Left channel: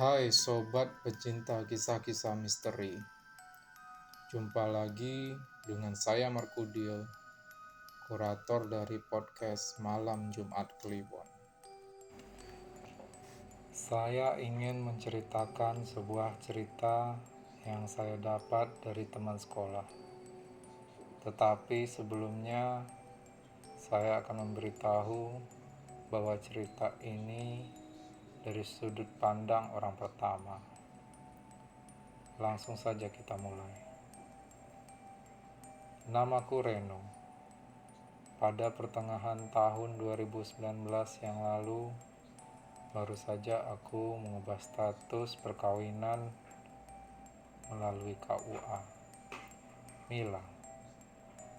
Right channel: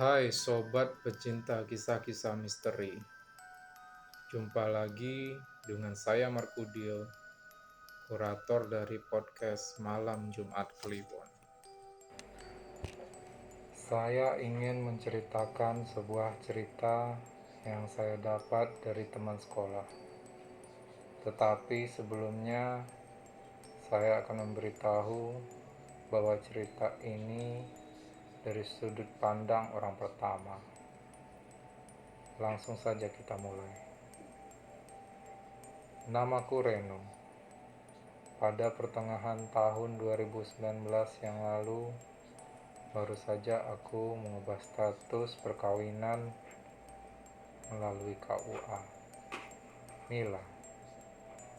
Hai sobat pecinta kisah-kisah misteri. Jumpa lagi dengan saya Markudio, kurator dari podcast Malam Jumat Kliwon. Saya ingin menceritakan sebuah cerita yang saya dapat dari teman sekolah. Tetapi sebelumnya saya akan memberitahu bahwa cerita ini dari sudut pandang orang pertama. Langsung saja kita mulai. Namaku Reno. Pada pertengahan tahun 2019 yang lalu, baru saja aku mengubah status perkawinan melalui KUA. Mila,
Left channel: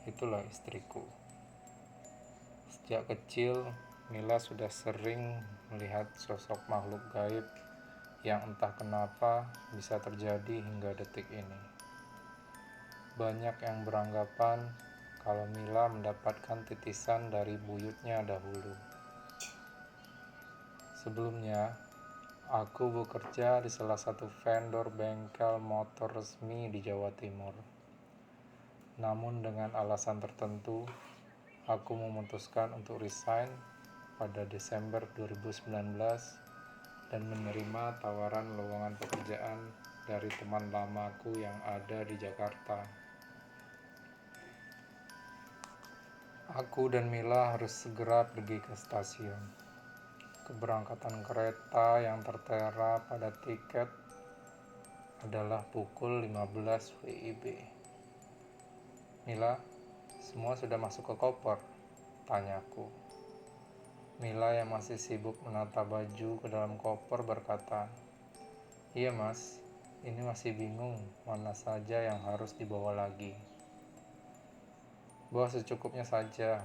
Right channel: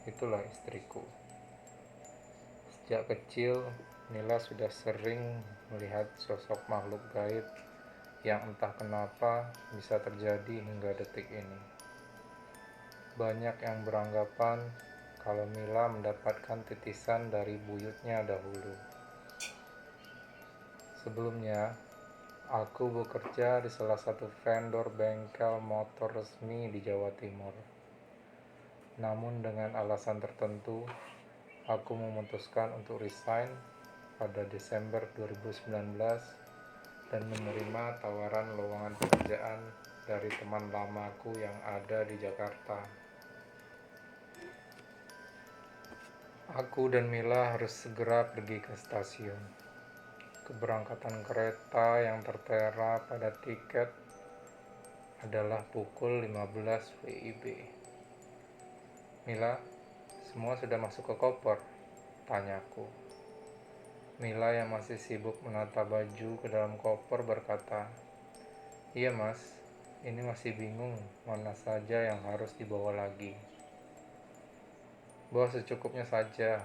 itulah istriku. Sejak kecil, Mila sudah sering melihat sosok makhluk gaib yang entah kenapa bisa terjadi hingga detik ini. Banyak yang beranggapan kalau Mila mendapatkan titisan dari buyutnya dahulu. Sebelumnya, aku bekerja di salah satu vendor bengkel motor resmi di Jawa Timur. Namun dengan alasan tertentu, aku memutuskan untuk resign pada Desember 2019 dan menerima tawaran lowongan pekerjaan dari teman lamaku yang ada di Jakarta. Aku dan Mila harus segera pergi ke stasiun. Keberangkatan kereta yang tertera pada tiket adalah pukul 15 WIB. Mila, semua sudah masuk ke koper? Tanyaku. Mila yang masih sibuk menata baju ke dalam koper berkata, "Iya mas, ini masih bingung mana saja yang harus dibawa lagi." "Bawa secukupnya saja,"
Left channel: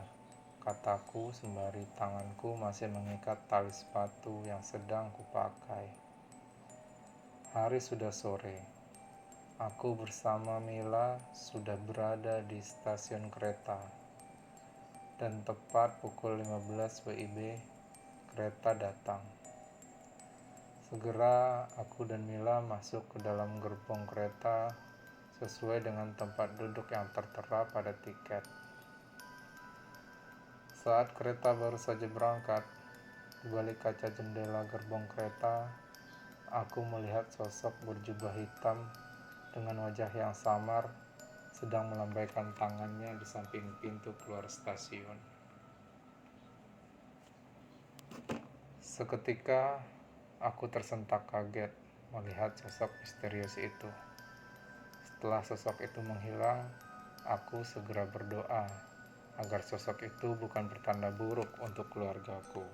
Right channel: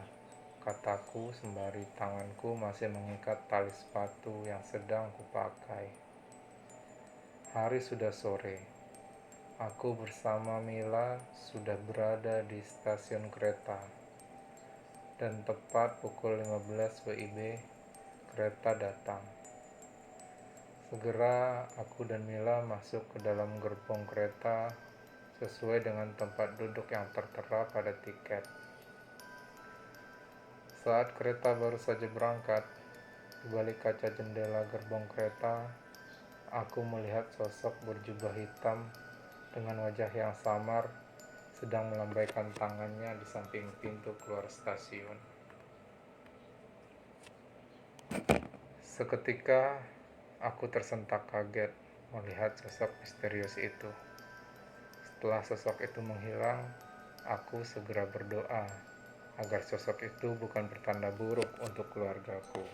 kataku sembari tanganku masih mengikat tali sepatu yang sedang kupakai. Hari sudah sore. Aku bersama Mila sudah berada di stasiun kereta. Dan tepat pukul 15 WIB, kereta datang. Segera aku dan Mila masuk ke dalam gerbong kereta sesuai dengan tempat duduk yang tertera pada tiket. Saat kereta baru saja berangkat, di balik kaca jendela gerbong kereta, aku melihat sosok berjubah hitam dengan wajah yang samar sedang melambaikan tangannya di samping pintu keluar stasiun. Seketika, aku tersentak kaget melihat sosok misterius itu. Setelah sosok itu menghilang, aku segera berdoa agar sosok itu bukan pertanda buruk untuk keluargaku.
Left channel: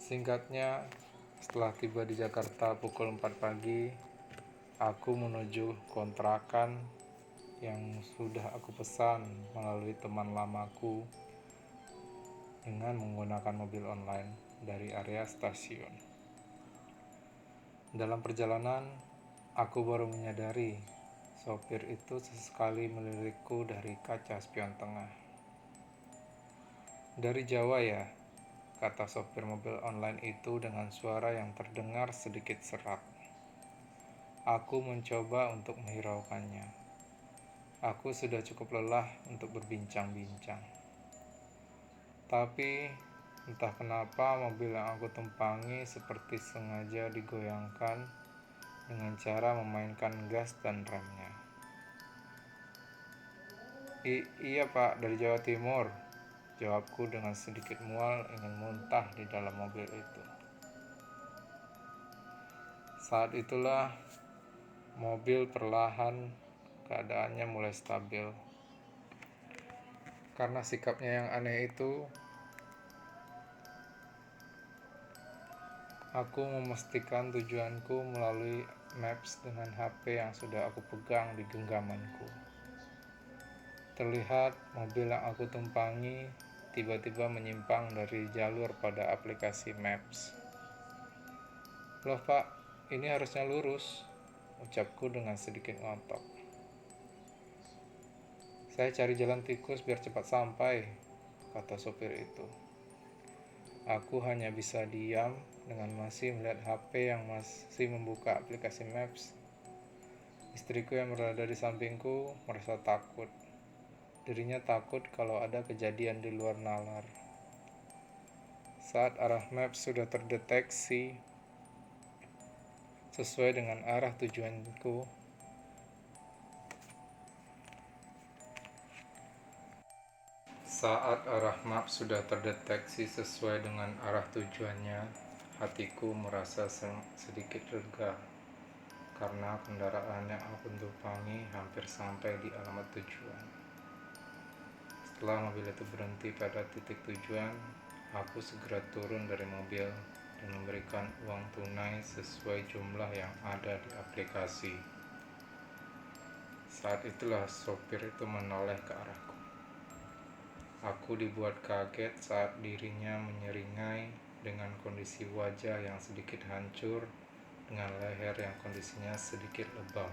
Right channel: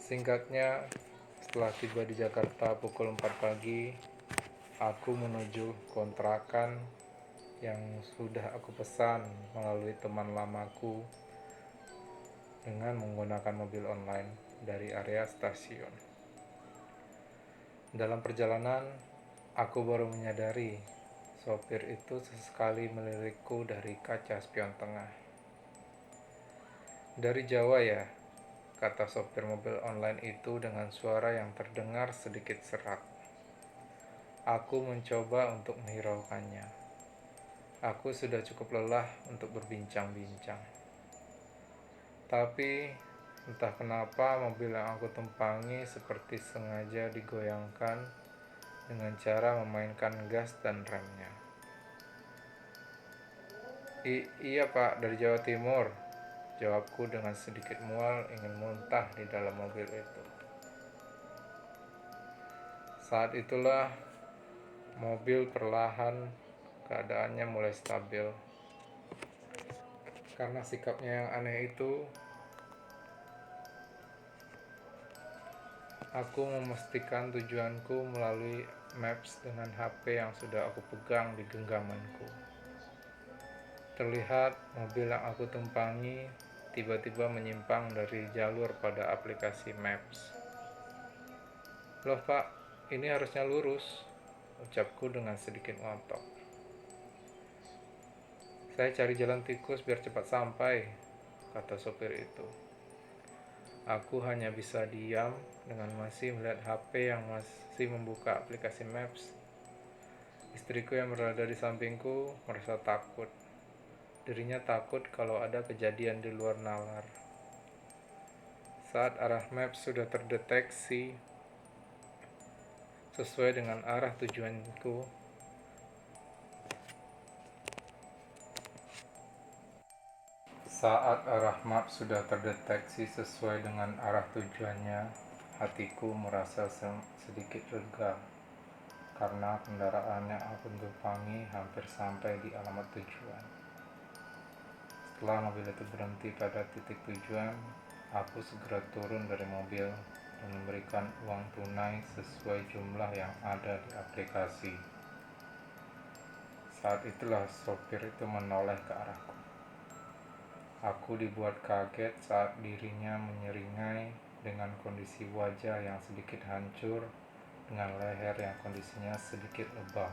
Singkatnya, setelah tiba di Jakarta pukul 4 pagi, aku menuju kontrakan yang sudah aku pesan melalui teman lamaku dengan menggunakan mobil online dari area stasiun. Dalam perjalanan, aku baru menyadari sopir itu sesekali melirikku dari kaca spion tengah. "Dari Jawa ya?" kata sopir mobil online itu dengan suara yang terdengar sedikit serak. Aku mencoba untuk menghiraukannya. Aku sudah cukup lelah untuk berbincang-bincang. Tapi entah kenapa mobil yang aku tumpangi seperti sengaja digoyangkan dengan cara memainkan gas dan remnya. Iya pak, dari Jawa Timur," jawabku dengan sedikit mual ingin muntah di dalam mobil itu. Saat itulah mobil perlahan keadaannya mulai stabil. Karena sikapnya yang aneh itu, aku memastikan tujuanku melalui Maps dengan HP yang sudah aku pegang di genggamanku. Terlihat mobil yang aku tumpangi tiba-tiba menyimpang dari jalur pada aplikasi Maps. "Loh pak, ini harusnya lurus," ucapku dengan sedikit ngotot. "Saya cari jalan tikus biar cepat sampai," kata sopir itu. Aku hanya bisa diam dengan masih melihat HP yang masih membuka aplikasi Maps. Istriku yang berada di sampingku merasa takut. Dirinya takut kalau ada kejadian di luar nalar. Saat arah Maps sudah terdeteksi sesuai dengan arah tujuanku, hatiku merasa sedikit lega karena kendaraan yang aku tumpangi hampir sampai di alamat tujuan. Setelah mobil itu berhenti pada titik tujuan, aku segera turun dari mobil dan memberikan uang tunai sesuai jumlah yang ada di aplikasi. Saat itulah sopir itu menoleh ke arahku. Aku dibuat kaget saat dirinya menyeringai dengan kondisi wajah yang sedikit hancur, dengan leher yang kondisinya sedikit lebam.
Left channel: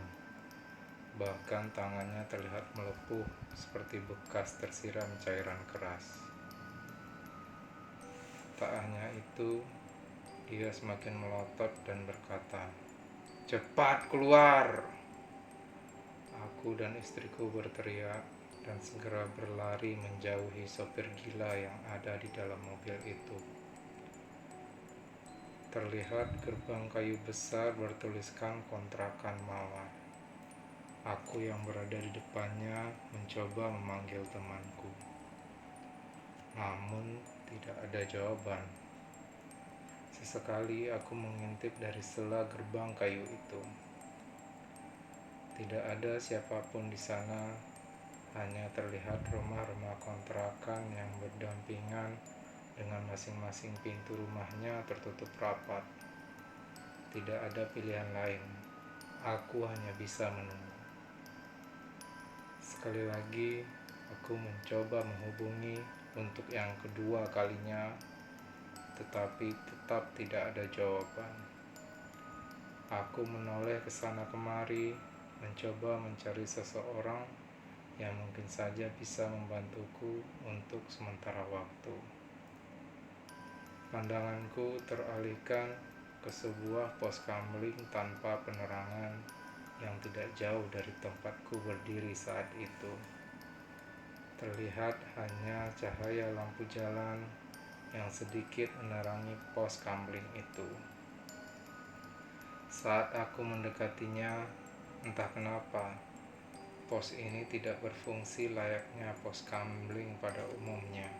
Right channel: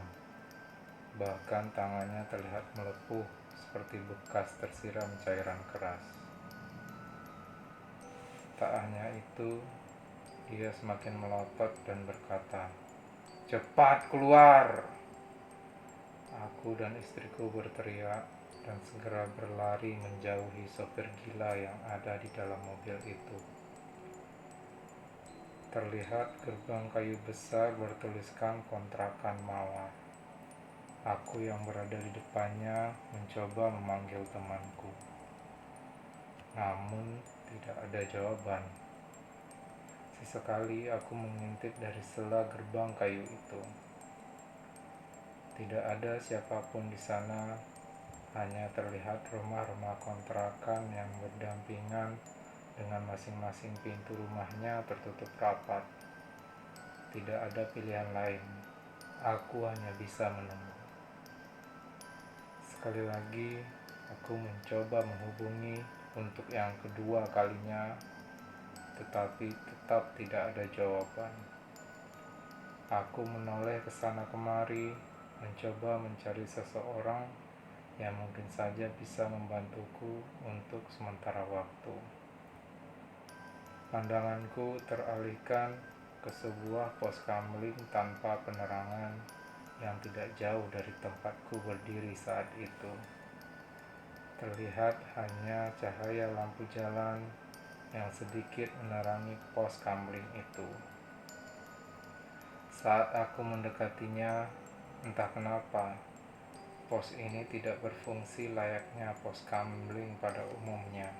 Bahkan tangannya terlihat melepuh seperti bekas tersiram cairan keras. Tak hanya itu, dia semakin melotot dan berkata, "Cepat keluar!" Aku dan istriku berteriak dan segera berlari menjauhi sopir gila yang ada di dalam mobil itu. Terlihat gerbang kayu besar bertuliskan kontrakan mawar. Aku yang berada di depannya mencoba memanggil temanku. Namun tidak ada jawaban. Sesekali aku mengintip dari sela gerbang kayu itu. Tidak ada siapapun di sana, hanya terlihat rumah-rumah kontrakan yang berdampingan dengan masing-masing pintu rumahnya tertutup rapat. Tidak ada pilihan lain. Aku hanya bisa menunggu. Sekali lagi, aku mencoba menghubungi untuk yang kedua kalinya, tetapi tetap tidak ada jawaban. Aku menoleh ke sana kemari, mencoba mencari seseorang yang mungkin saja bisa membantuku untuk sementara waktu. Pandanganku teralihkan ke sebuah pos kamling tanpa penerangan yang tidak jauh dari tempatku berdiri saat itu. Terlihat hanya cahaya lampu jalan yang sedikit menerangi pos kamling itu. Saat aku mendekatinya, entah kenapa, pos ini tidak berfungsi layaknya pos kamling pada umumnya.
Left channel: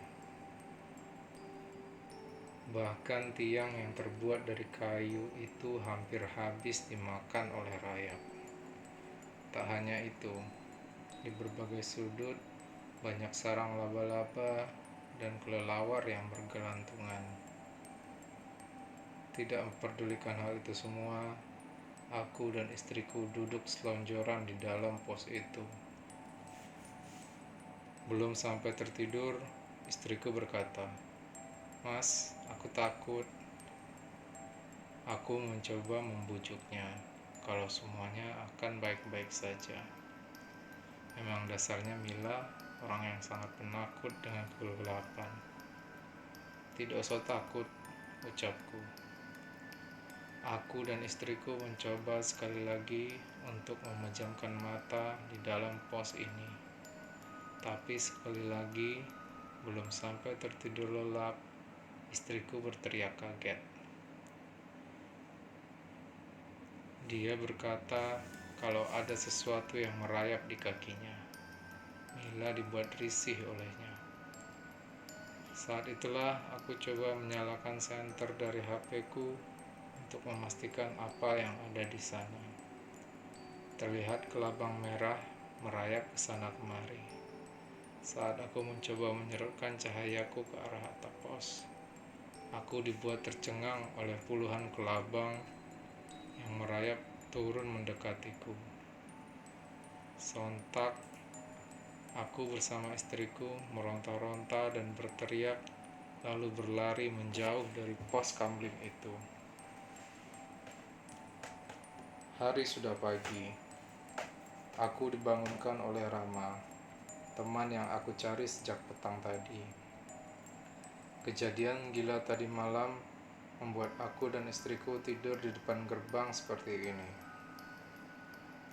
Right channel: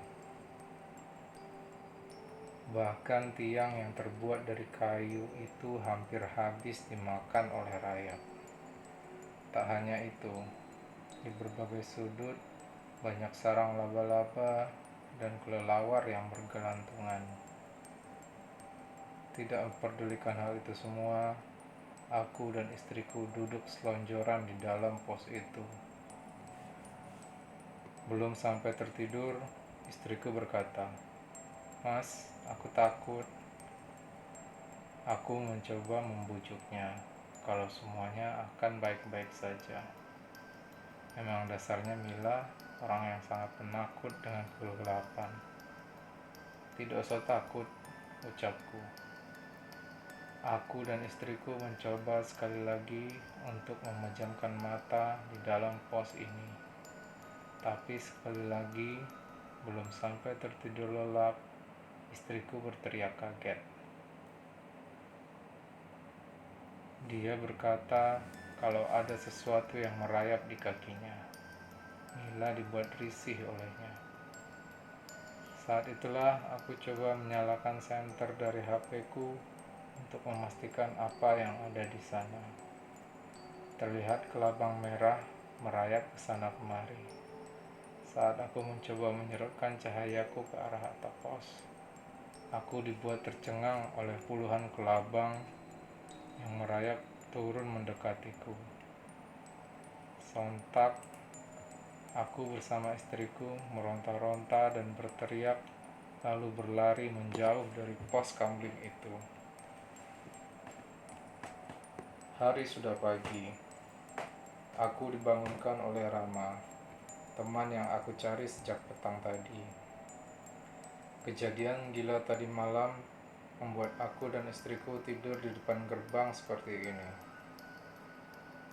Bahkan tiang yang terbuat dari kayu itu hampir habis dimakan oleh rayap. Tak hanya itu, di berbagai sudut banyak sarang laba-laba dan kelelawar yang bergelantungan. Tidak memperdulikan hal itu semua, aku dan istriku duduk selonjoran di dalam pos itu. Belum sampai tertidur, istriku berkata, "Mas, aku takut." Aku mencoba membujuknya kalau semuanya akan baik-baik saja. Memang dasarnya Mila orang yang sangat penakut dengan kegelapan. "Tidak usah takut," ucapku. Aku dan istriku mencoba sekali lagi untuk memejamkan mata di dalam pos ini. Tapi sekali lagi, belum sampai tertidur lelap, istriku berteriak kaget. Dia berkata kalau ada sesuatu yang merayap di kakinya. Mila dibuat risih olehnya. Saat itulah aku coba menyalakan senter dari HP-ku untuk memastikan apa yang ada di sana. Terlihat kelabang merah merayap ke sana kemari. Saat aku mencoba menyerupkan cahayaku ke arah atap pos, aku dibuat tercengang oleh puluhan kelabang yang merayap turun mendekatiku. Sontak, aku bersama istriku meronta-ronta dan berteriak, lalu berlari menjauh dari pos kamling itu. Hari sudah pagi. Aku dibangunkan oleh Rama, teman yang aku cari sejak petang tadi. Kejadian gila tadi malam membuat aku dan istriku tidur di depan gerbang seperti ini.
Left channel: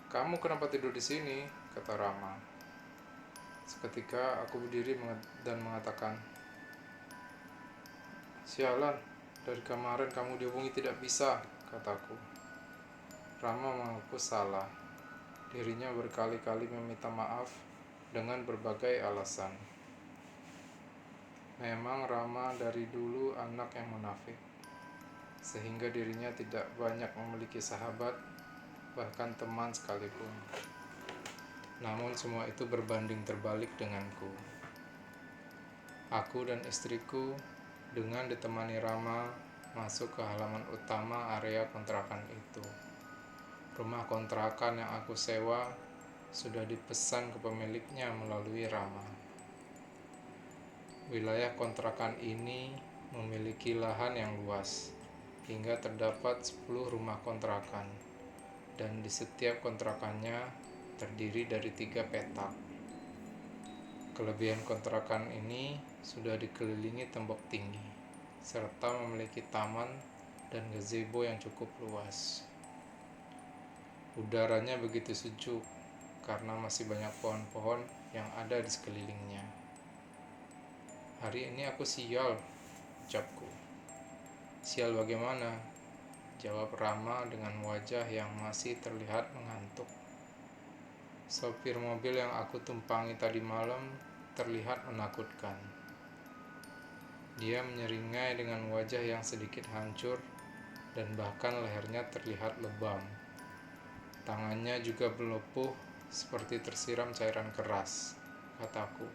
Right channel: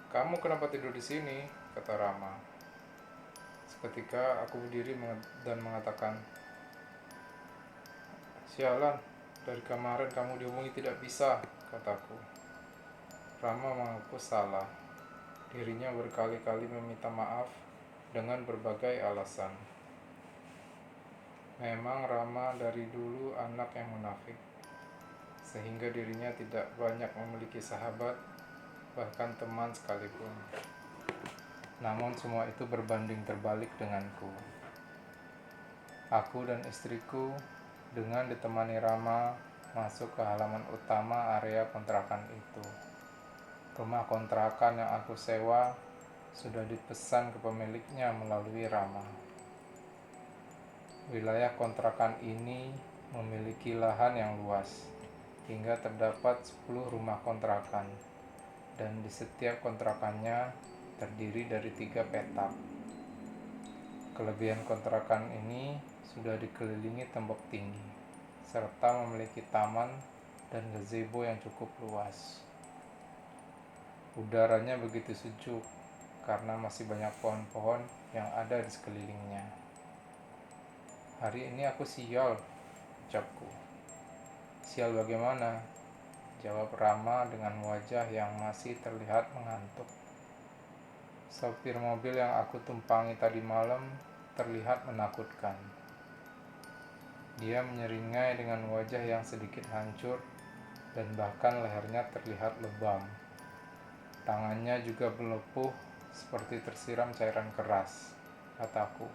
"Kamu kenapa tidur di sini?" kata Rama. Seketika aku berdiri dan mengatakan, "Sialan, dari kemarin kamu dihubungi tidak bisa," kataku. Rama mengaku salah. Dirinya berkali-kali meminta maaf dengan berbagai alasan. Memang Rama dari dulu anak yang munafik, sehingga dirinya tidak banyak memiliki sahabat, bahkan teman sekalipun. Namun semua itu berbanding terbalik denganku. Aku dan istriku dengan ditemani Rama masuk ke halaman utama area kontrakan itu. Rumah kontrakan yang aku sewa sudah dipesan ke pemiliknya melalui Rama. Wilayah kontrakan ini memiliki lahan yang luas, hingga terdapat 10 rumah kontrakan, dan di setiap kontrakannya terdiri dari 3 petak. Kelebihan kontrakan ini sudah dikelilingi tembok tinggi, serta memiliki taman dan gazebo yang cukup luas. Udaranya begitu sejuk karena masih banyak pohon-pohon yang ada di sekelilingnya. "Hari ini aku sial," ucapku. "Sial bagaimana?" jawab Rama dengan wajah yang masih terlihat mengantuk. Sopir mobil yang aku tumpangi tadi malam terlihat menakutkan. Dia menyeringai dengan wajah yang sedikit hancur dan bahkan lehernya terlihat lebam. Tangannya juga melepuh seperti tersiram cairan keras, kataku.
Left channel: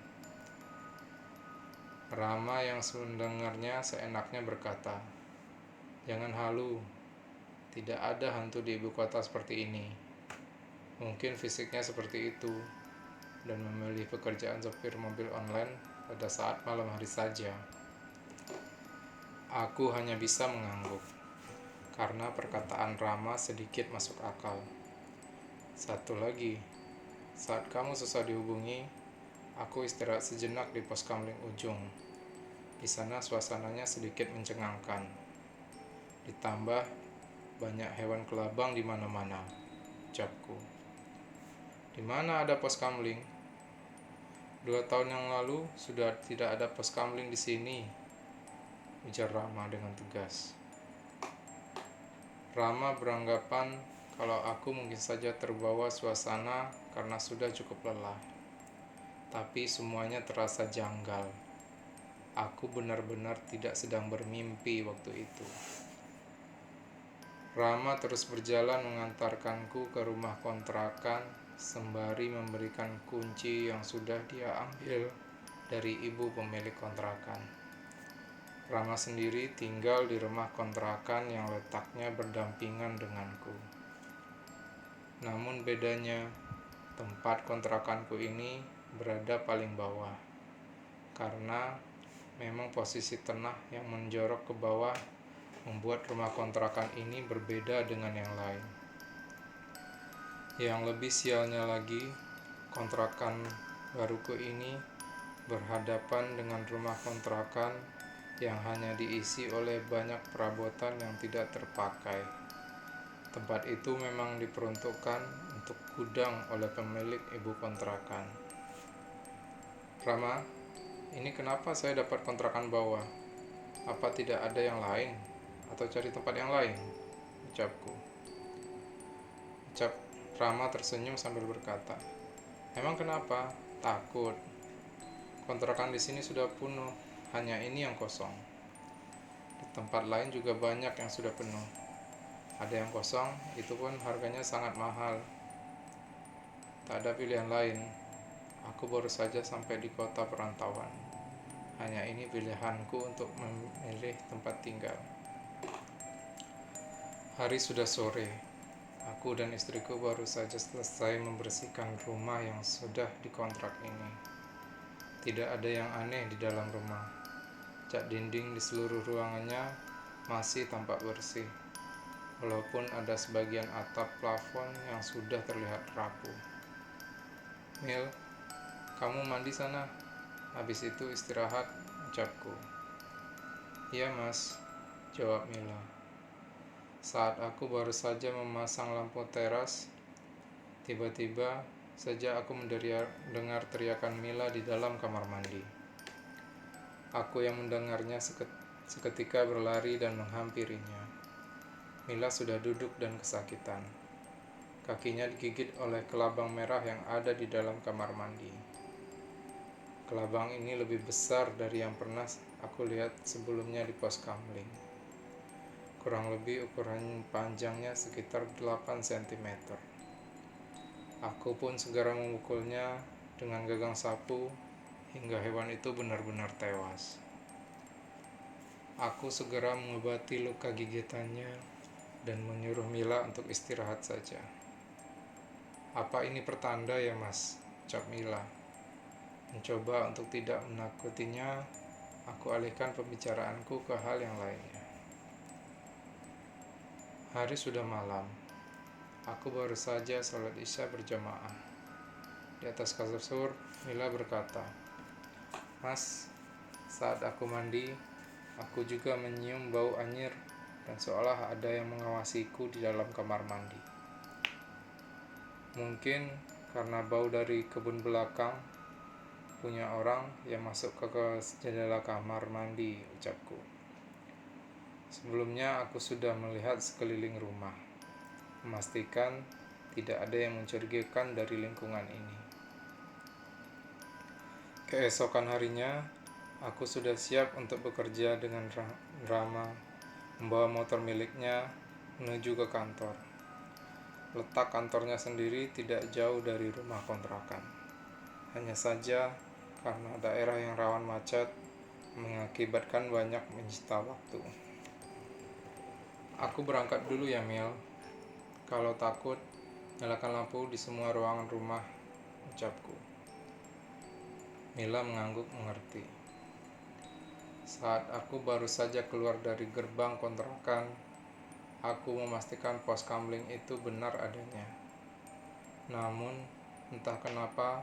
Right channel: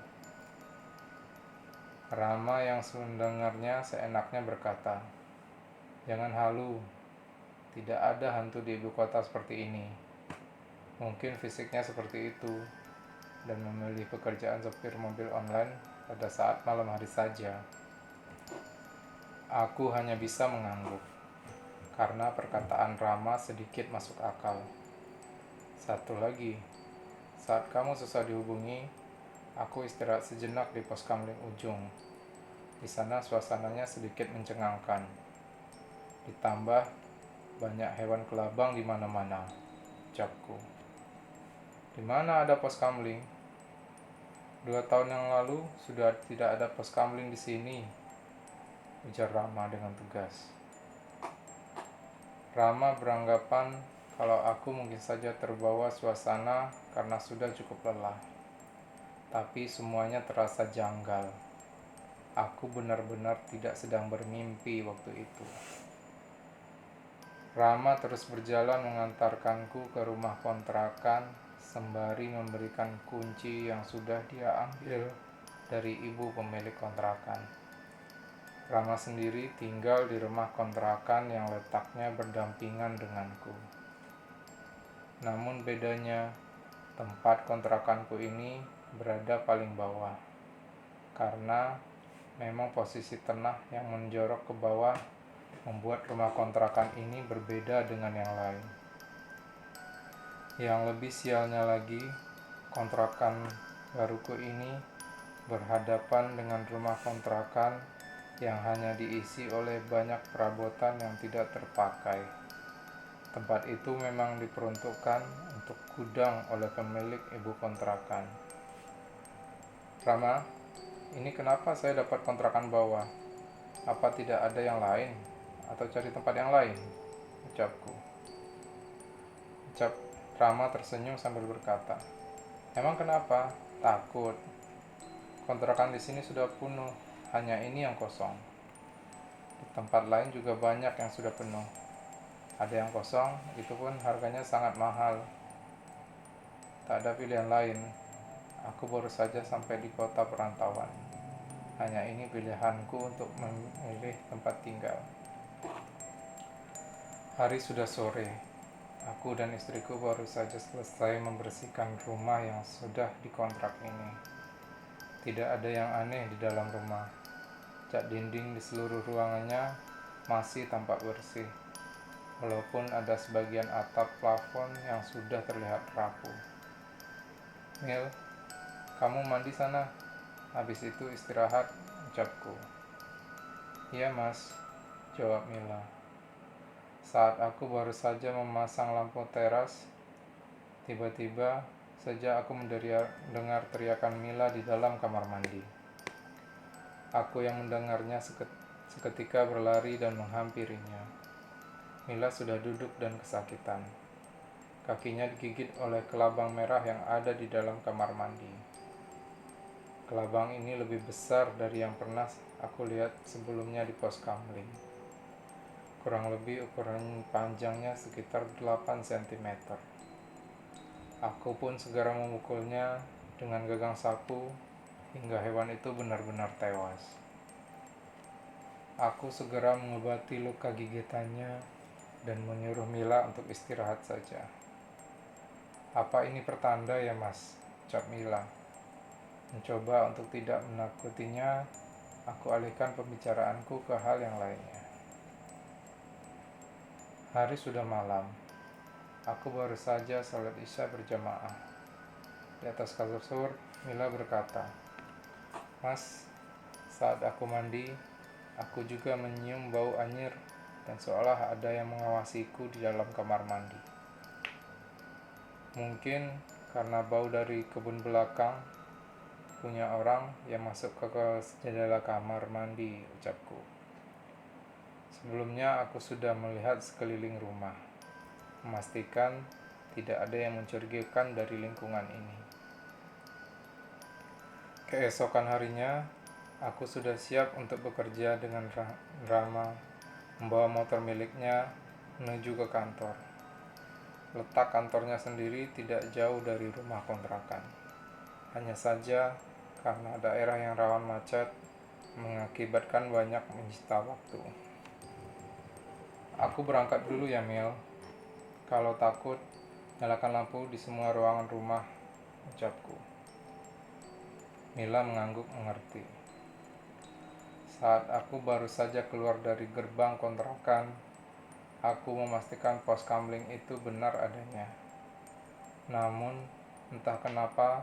Rama yang mendengarnya seenaknya berkata, "Jangan halu, tidak ada hantu di ibu kota seperti ini. Mungkin fisiknya seperti itu dan memilih pekerjaan sopir mobil online pada saat malam hari saja." Aku hanya bisa mengangguk, karena perkataan Rama sedikit masuk akal. Satu lagi, saat kamu susah dihubungi, aku istirahat sejenak di pos kamling ujung. Di sana suasananya sedikit mencengangkan. Ditambah banyak hewan kelabang di mana-mana, ucapku. "Di mana ada pos kamling?" 2 tahun yang lalu sudah tidak ada pos kamling di sini, ujar Rama dengan tegas. Rama beranggapan kalau aku mungkin saja terbawa suasana karena sudah cukup lelah. Tapi semuanya terasa janggal. Aku benar-benar tidak sedang bermimpi waktu itu. Rama terus berjalan mengantarkanku ke rumah kontrakan sembari memberikan kunci yang sudah dia ambil dari ibu pemilik kontrakan. Rama sendiri tinggal di rumah kontrakan yang letaknya berdampingan denganku. Namun bedanya, tempat kontrakanku ini berada paling bawah, karena memang posisi tanah yang menjorok ke bawah membuat rumah kontrakan ini berbeda dengan yang lain. Yang lebih sialnya lagi, kontrakan baruku ini berhadapan dengan rumah kontrakan yang hanya diisi oleh banyak perabotan yang tidak terpakai. Tempat itu memang diperuntukkan untuk gudang oleh pemilik ibu kontrakan. "Rama, ini kenapa saya dapat kontrakan bawah? Apa tidak ada yang lain? Atau cari tempat yang lain?" ucapku. Rama tersenyum sambil berkata, "Emang kenapa? Takut? Kontrakan di sini sudah penuh, hanya ini yang kosong. Di tempat lain juga banyak yang sudah penuh. Ada yang kosong, itu pun harganya sangat mahal. Tak ada pilihan lain. Aku baru saja sampai di kota perantauan. Hanya ini pilihanku untuk memilih tempat tinggal." Hari sudah sore. Aku dan istriku baru saja selesai membersihkan rumah yang sudah dikontrak ini. Tidak ada yang aneh di dalam rumah. Cat dinding di seluruh ruangannya masih tampak bersih, walaupun ada sebagian atap plafon yang sudah terlihat rapuh. "Mil, kamu mandi sana. Habis itu istirahat," ucapku. "Iya mas," jawab Mila. Saat aku baru saja memasang lampu teras, tiba-tiba saja aku mendengar teriakan Mila di dalam kamar mandi. Aku yang mendengarnya seketika berlari dan menghampirinya. Mila sudah duduk dan kesakitan. Kakinya digigit oleh kelabang merah yang ada di dalam kamar mandi. Kelabang ini lebih besar dari yang pernah aku lihat sebelumnya di pos kamling. Kurang lebih ukuran panjangnya sekitar 8 cm. Aku pun segera memukulnya dengan gagang sapu hingga hewan itu benar-benar tewas. Aku segera mengobati luka gigitannya dan menyuruh Mila untuk istirahat saja. "Apa ini pertanda ya mas?" ucap Mila. Mencoba untuk tidak menakutinya, aku alihkan pembicaraanku ke hal yang lainnya. Hari sudah malam. Aku baru saja salat Isya berjamaah. Di atas kasur, Mila berkata, "Mas, saat aku mandi, aku juga menyium bau anyir dan seolah ada yang mengawasiku di dalam kamar mandi. Mungkin karena bau dari kebun belakang punya orang yang masuk ke jendela kamar mandi," ucapku. Sebelumnya aku sudah melihat sekeliling rumah, memastikan tidak ada yang mencurigakan dari lingkungan ini. Keesokan harinya, aku sudah siap untuk bekerja dengan Rama, membawa motor miliknya menuju ke kantor. Letak kantornya sendiri tidak jauh dari rumah kontrakan. Hanya saja, karena daerah yang rawan macet, mengakibatkan banyak menyita waktu. "Aku berangkat dulu ya, Mil. Kalau takut, nyalakan lampu di semua ruangan rumah," ucapku. Mila mengangguk mengerti. Saat aku baru saja keluar dari gerbang kontrakan, aku memastikan pos kamling itu benar adanya. Namun, entah kenapa,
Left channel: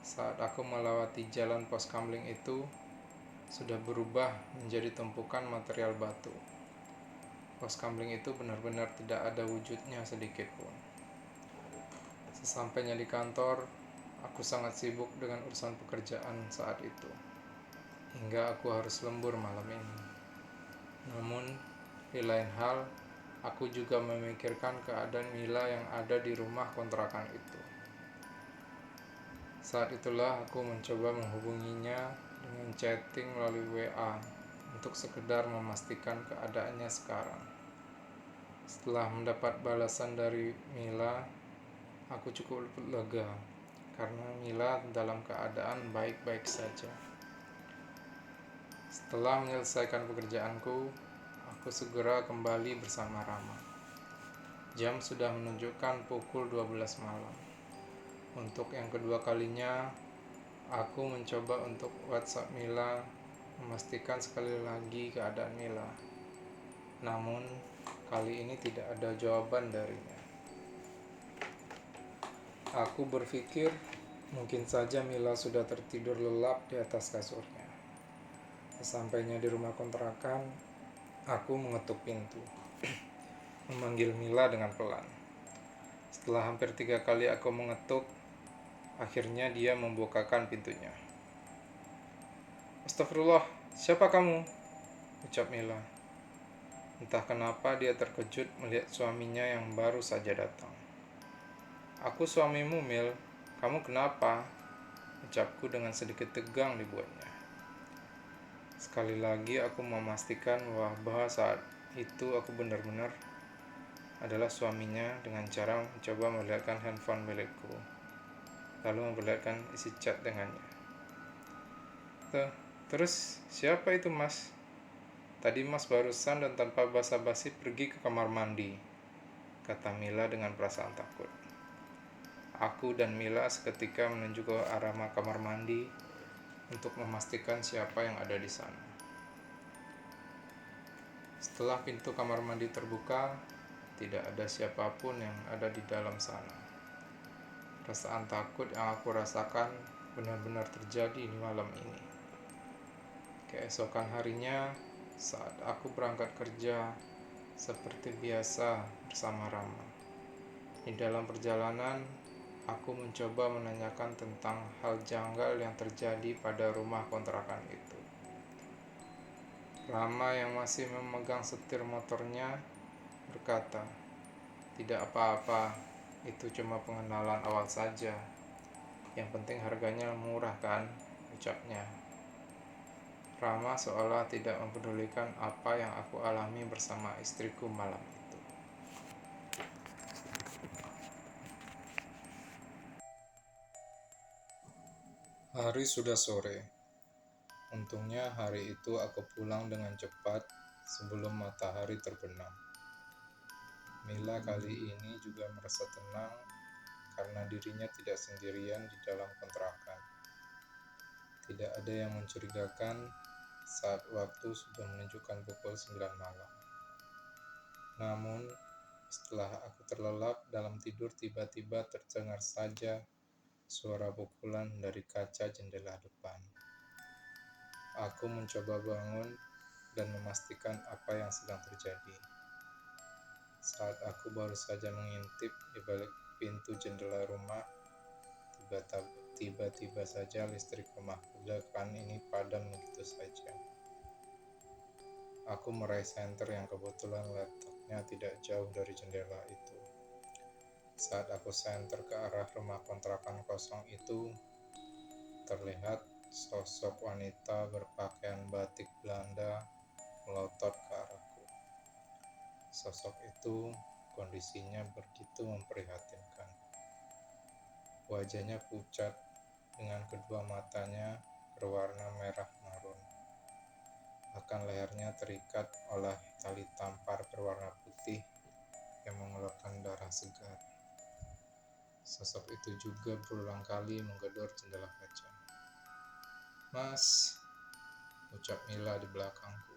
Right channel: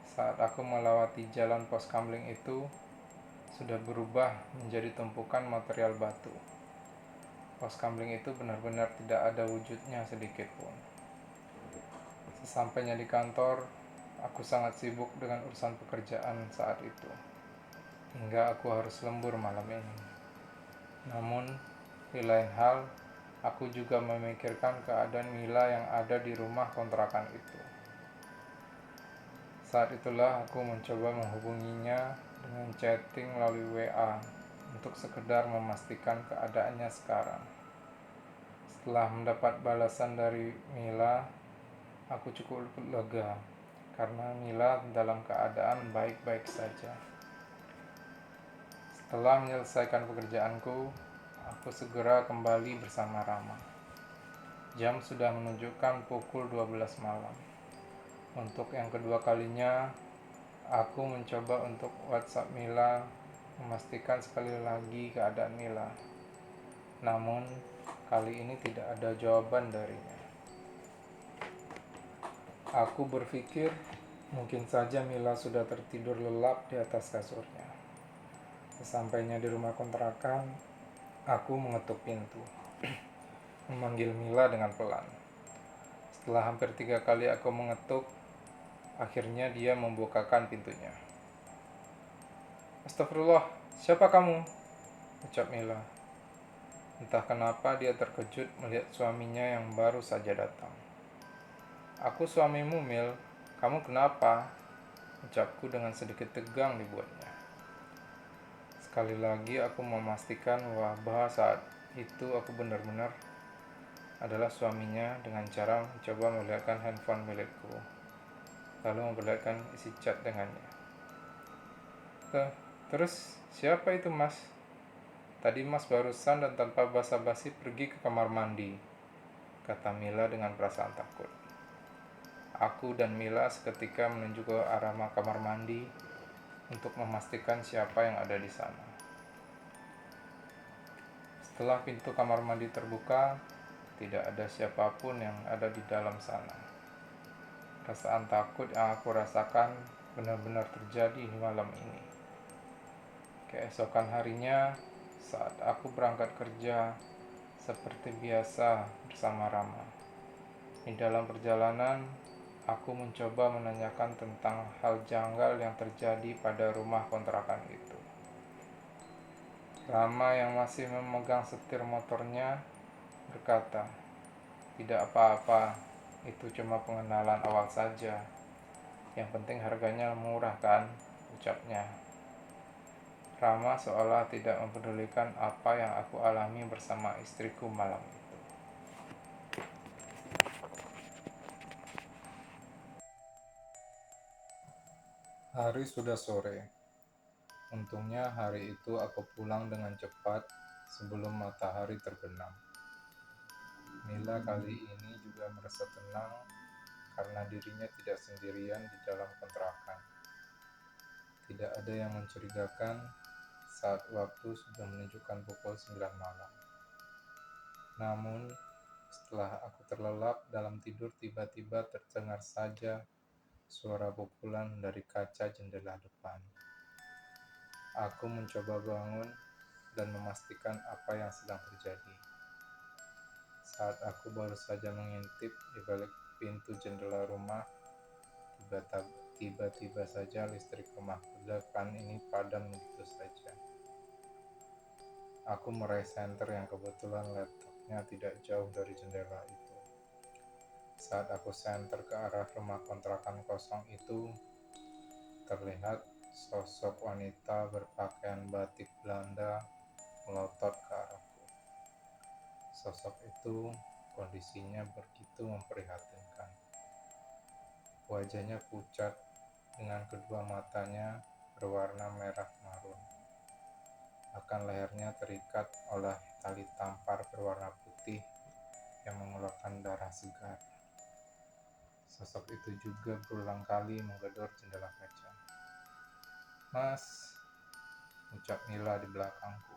saat aku melewati jalan pos kamling itu, sudah berubah menjadi tumpukan material batu. Pos kamling itu benar-benar tidak ada wujudnya sedikit pun. Sesampainya di kantor, aku sangat sibuk dengan urusan pekerjaan saat itu, hingga aku harus lembur malam ini. Namun, di lain hal, aku juga memikirkan keadaan Mila yang ada di rumah kontrakan itu. Saat itulah aku mencoba menghubunginya dengan chatting melalui WA untuk sekedar memastikan keadaannya sekarang. Setelah mendapat balasan dari Mila, aku cukup lega karena Mila dalam keadaan baik-baik saja. Setelah menyelesaikan pekerjaanku, aku segera kembali bersama Rama. Jam sudah menunjukkan pukul 12 malam. Untuk yang kedua kalinya, aku mencoba untuk WhatsApp Mila, memastikan sekali lagi keadaan Mila. Namun, kali ini tidak ada jawaban darinya. Aku berpikir mungkin saja Mila sudah tertidur lelap di atas kasurnya. Sesampainya di rumah kontrakan, aku mengetuk pintu, memanggil Mila dengan pelan. Setelah hampir 3 kali aku mengetuk, akhirnya dia membukakan pintunya. "Astagfirullah, siapa kamu?" ucap Mila. Entah kenapa dia terkejut melihat suaminya yang baru saja datang. "Aku suamimu, Mil. Kamu kenapa?" ucapku dengan sedikit tegang dibuatnya. Sekali lagi aku memastikan bahwa saat itu aku benar-benar adalah suaminya dengan cara mencoba melihatkan handphone milikku, lalu memperlihatkan isi chat dengannya. "Terus siapa itu mas? Tadi mas barusan dan tanpa basa-basi pergi ke kamar mandi," kata Mila dengan perasaan takut. Aku dan Mila seketika menuju ke arah kamar mandi untuk memastikan siapa yang ada di sana. Setelah pintu kamar mandi terbuka, tidak ada siapapun yang ada di dalam sana. Perasaan takut yang aku rasakan benar-benar terjadi di malam ini. Keesokan harinya, Saat aku berangkat kerja, seperti biasa bersama Rama. Di dalam perjalanan, aku mencoba menanyakan tentang hal janggal yang terjadi pada rumah kontrakan itu. Rama yang masih memegang setir motornya berkata, "Tidak apa-apa, itu cuma pengenalan awal saja. Yang penting harganya murah kan?" ucapnya. Rama seolah tidak mempedulikan apa yang aku alami bersama istriku malam itu. Hari sudah sore. Untungnya hari itu aku pulang dengan cepat sebelum matahari terbenam. Mila kali ini juga merasa tenang karena dirinya tidak sendirian di dalam kontrakan. Tidak ada yang mencurigakan saat waktu sudah menunjukkan pukul 9 malam. Namun, setelah aku terlelap dalam tidur, tiba-tiba terdengar saja suara pukulan dari kaca jendela depan. Aku mencoba bangun dan memastikan apa yang sedang terjadi. Saat aku baru saja mengintip di balik pintu jendela rumah, tiba-tiba saja listrik rumah ledakan ini padam begitu saja. Aku meraih senter yang kebetulan letaknya tidak jauh dari jendela itu. Saat aku senter ke arah rumah kontrakan kosong itu, terlihat sosok wanita berpakaian batik Belanda melotot ke arahku. Sosok itu kondisinya begitu memprihatinkan. Wajahnya pucat dengan kedua matanya berwarna merah marun. Bahkan lehernya terikat oleh tali tampar berwarna putih yang mengeluarkan darah segar. Sosok itu juga berulang kali menggedor jendela kaca. "Mas," ucap Mila di belakangku.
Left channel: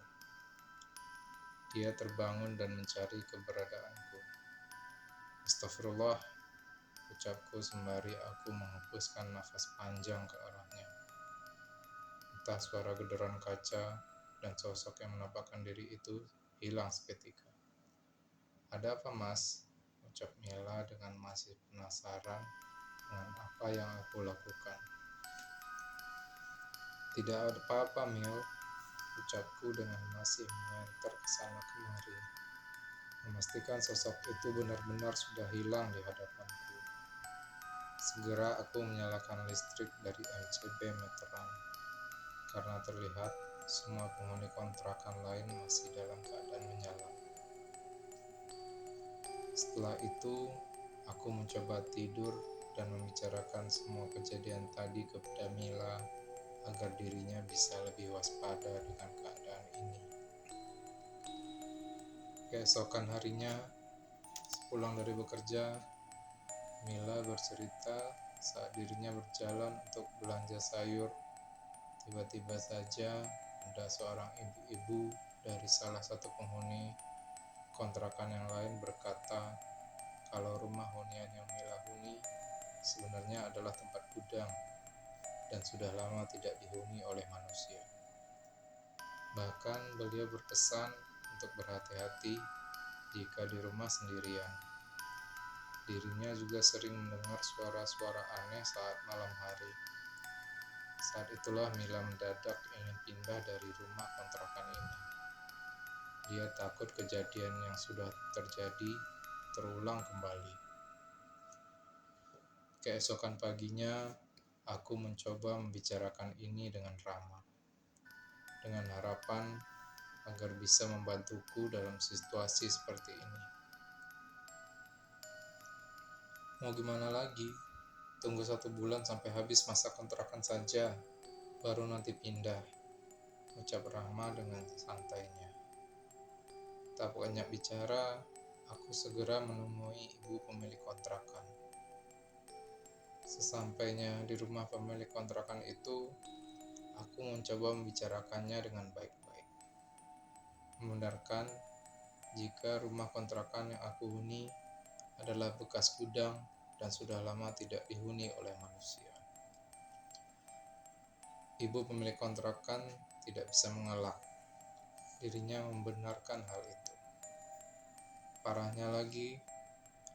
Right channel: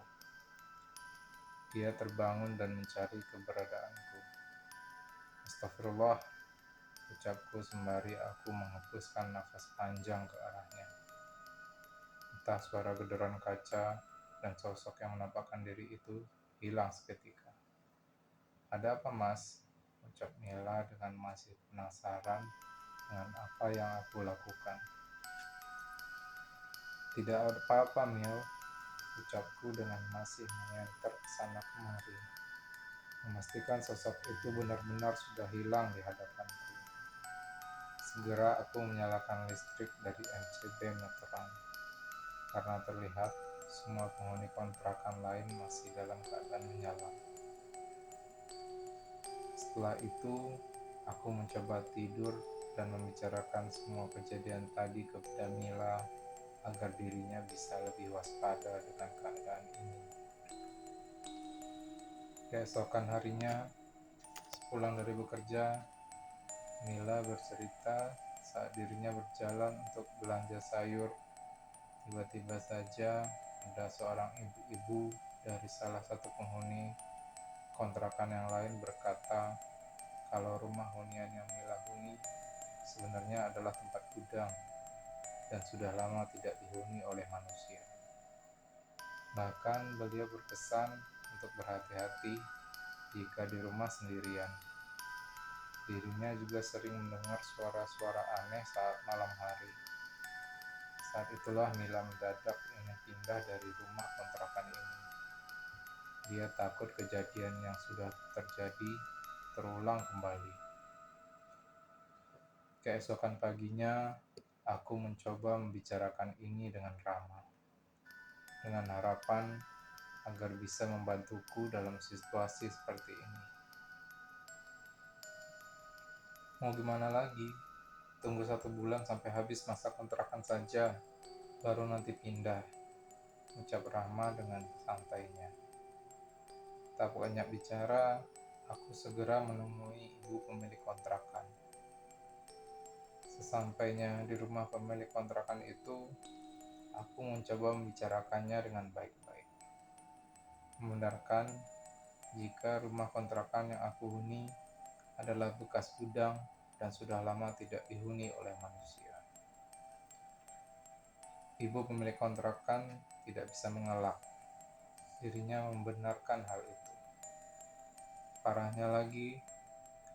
Dia terbangun dan mencari keberadaanku. "Astagfirullah," ucapku sembari aku menghembuskan nafas panjang ke arahnya. Entah suara gederan kaca dan sosok yang menampakkan diri itu hilang seketika. "Ada apa, Mas?" ucap Mila dengan masih penasaran dengan apa yang aku lakukan. "Tidak ada apa-apa, Mil," ucapku dengan masih mengenter ke sana kemari, memastikan sosok itu benar-benar sudah hilang di hadapanku. Segera aku menyalakan listrik dari MCB meteran, karena terlihat semua penghuni kontrakan lain masih dalam keadaan menyala. Setelah itu, aku mencoba tidur dan membicarakan semua kejadian tadi kepada Mila agar dirinya bisa lebih waspada dengan keadaan ini. Keesokan harinya, sepulang dari bekerja, Mila bercerita saat dirinya berjalan untuk belanja sayur. Tiba-tiba saja ada seorang ibu-ibu dari salah satu penghuni kontrakan yang lain berkata kalau rumah hunian yang Mila huni sebenarnya adalah tempat gudang dan sudah lama tidak dihuni oleh manusia. Bahkan beliau berpesan untuk berhati-hati jika di rumah sendirian. Dirinya juga sering mendengar suara-suara aneh saat malam hari. Saat itulah Mila mendadak ingin pindah dari rumah kontrakan ini. Dia takut kejadian yang sudah terjadi terulang kembali. Keesokan paginya, aku mencoba membicarakan ini dengan Rama, dengan harapan agar bisa membantuku dalam situasi seperti ini. "Mau gimana lagi? Tunggu 1 bulan sampai habis masa kontrakan saja, baru nanti pindah," ucap Rama dengan santainya. Tak banyak bicara, aku segera menemui ibu pemilik kontrakan. Sesampainya di rumah pemilik kontrakan itu, aku mencoba membicarakannya dengan baik-baik. Membenarkan jika rumah kontrakan yang aku huni adalah bekas gudang dan sudah lama tidak dihuni oleh manusia. Ibu pemilik kontrakan tidak bisa mengelak. dirinya membenarkan hal itu. Parahnya lagi,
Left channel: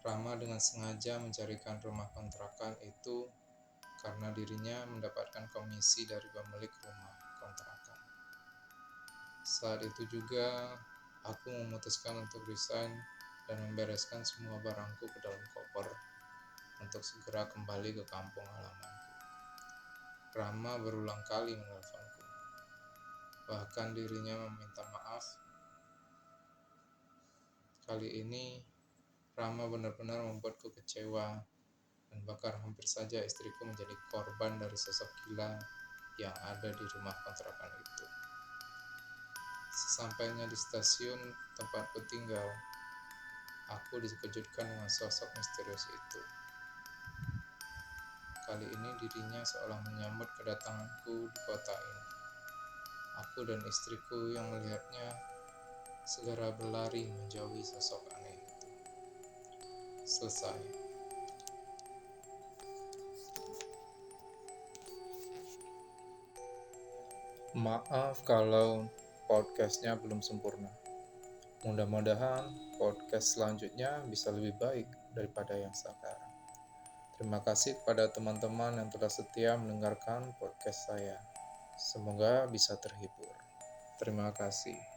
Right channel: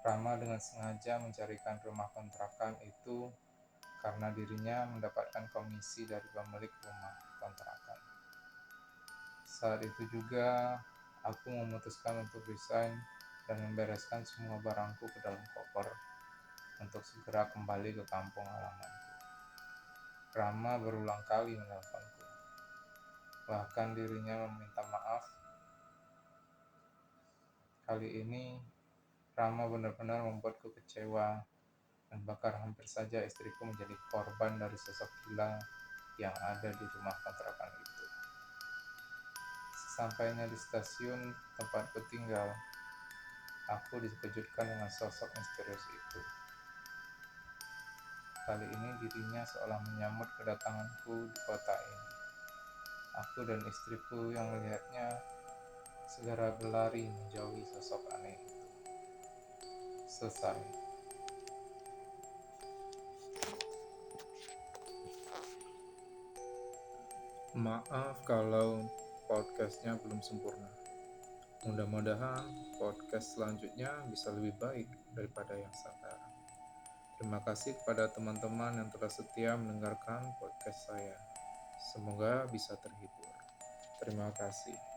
Rama dengan sengaja mencarikan rumah kontrakan itu karena dirinya mendapatkan komisi dari pemilik rumah kontrakan. Saat itu juga, aku memutuskan untuk resign dan membereskan semua barangku ke dalam koper untuk segera kembali ke kampung halamanku. Rama berulang kali menelponku. Bahkan dirinya meminta maaf. Kali ini, Rama benar-benar membuatku kecewa dan bahkan hampir saja istriku menjadi korban dari sosok gila yang ada di rumah kontrakan itu. Sesampainya di stasiun tempatku tinggal, aku dikejutkan dengan sosok misterius itu. Kali ini dirinya seolah menyambut kedatanganku di kota ini. Aku dan istriku yang melihatnya segera berlari menjauhi sosok aneh itu. Selesai. Maaf kalau podcastnya belum sempurna. Mudah-mudahan podcast selanjutnya bisa lebih baik daripada yang sekarang. Terima kasih kepada teman-teman yang telah setia mendengarkan podcast saya. Semoga bisa terhibur. Terima kasih.